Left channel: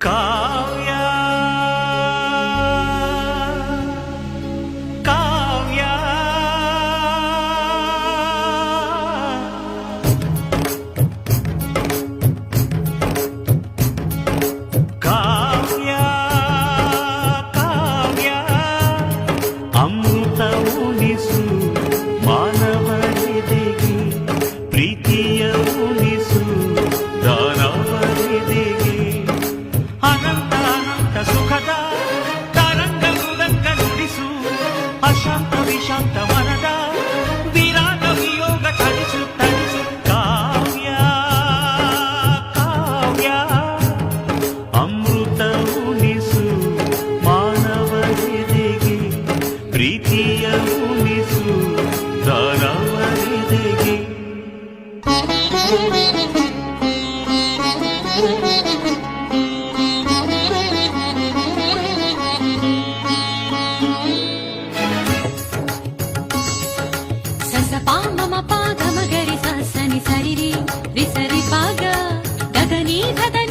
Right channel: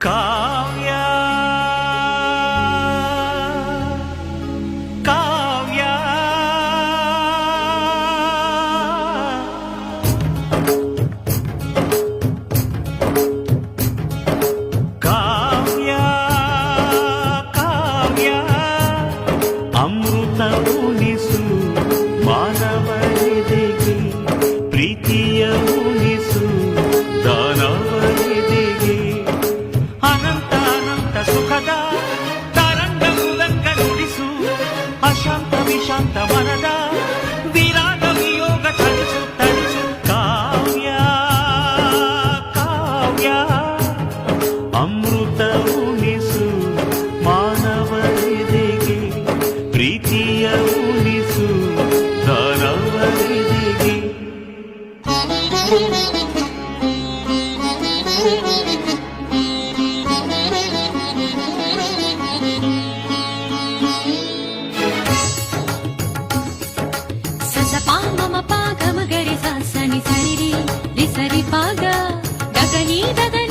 కావ్య కావ్య కావ్య ಕಾವ್ಯ ಅಮೃತ ಉಣಿಸು ಮಾನವರಿದೆಗೆ ಪ್ರೀತಿಯ ಉಣಿಸು ದಾನವರಿದೆಗೆ ಅನಂತ ಸುಖದ ತರಂಗ ಮೃದಂಗ ನುಡಿಸು ಅಶಾಂತ ವಿಶಾಂತ ಮನದ ವಿರಾಗ ವಿಯೋಗ ತಣಿಸು ತಣಿಸು. ಕಾವ್ಯ ಕಾವ್ಯ, ಅಮೃತ ಉಣಿಸು ಮಾನವರಿದೆಗೆ ಪ್ರೀತಿಯ ಉಣಿಸು ದಾನವರಿದೆಗೆ దని సరిరి రిసరి పాగా గగనీ గగనీ